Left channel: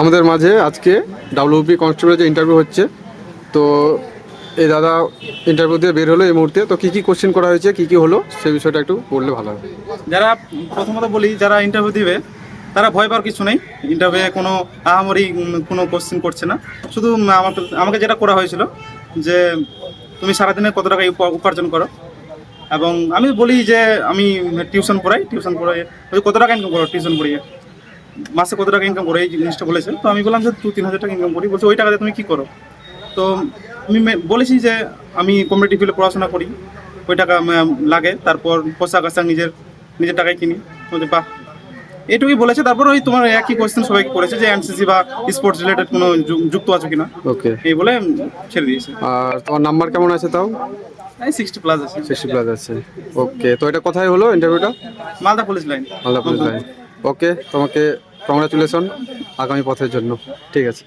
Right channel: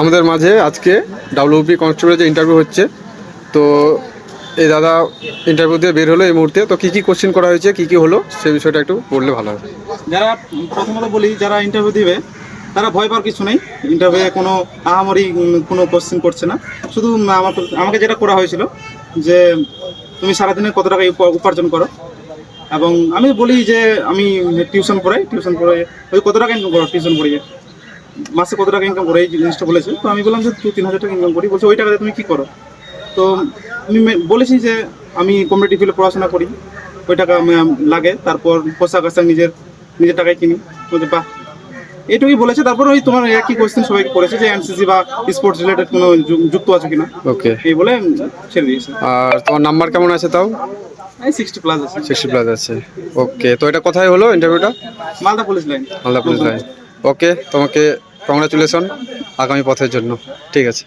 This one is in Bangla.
আমাদের মাঝে আজকে ডাব্লিউপি কনস্টেবলের যে ইন্টারভিউ হচ্ছে, তো এই দাদা ইন্টারভিউ দিয়ে বের হলো এই মুহূর্তে। তো কী কী কোশ্চেন করা হয়েছে, কী কী হলো, সেই বিষয়টা একটু বললে ভালো হবে। যারা প্রথমত বলি, যারা ইন্টারভিউ দিবে তারা ভয় পাওয়ার কিছু নেই। ইন্টারভিউয়ে কোনো আহামরি কোনো কোশ্চেন করছে না। শুধু আমাকে যেটা করা হয়েছিল যে তুমি সারাদিনে কত টাকা উপার্জন করো, এবং আমি বলি যে আমি টিউশন পড়াই, ওই কত টাকা ইনকাম করো টিউশন পড়িয়ে, মাসে কত টাকা ইনকাম করো, এই জিনিসটা বলেছে। তো আমি বললাম যে 2-3 হাজার টাকা ইনকাম করি। বলছে ওই টাকা দিয়ে তুমি কী করো? তো আমি বলেছি যে আমি কম্পিটিটিভ ফিল্ডে পড়াশোনা করি, ওই টাকা লাগে, তারপর পোশাক আশাক নিজের টাকায় কিনি। বলতে বাহ, এটুকুই বলেছে। তারপর ওই তোমার একই কোয়েশ্চেন সবাইকে করেছে যে এনসিসি বা স্পোর্টস রিলেটেড কোনো যুক্ত আছে কিনা, ওকে। এই বলে ছেড়ে দিয়েছে। আর তোমার নাম্বার কেমন আছে তাও? 60+ আছে। 60+ আছে। ওকে, তো এটা কোথায় হলো ইন্টারভিউটা? Malda police line. Malda police line. Okay, তোমাকে কংগ্রাচুলেশন আগামী পথের জন্য। ঠিক আছে।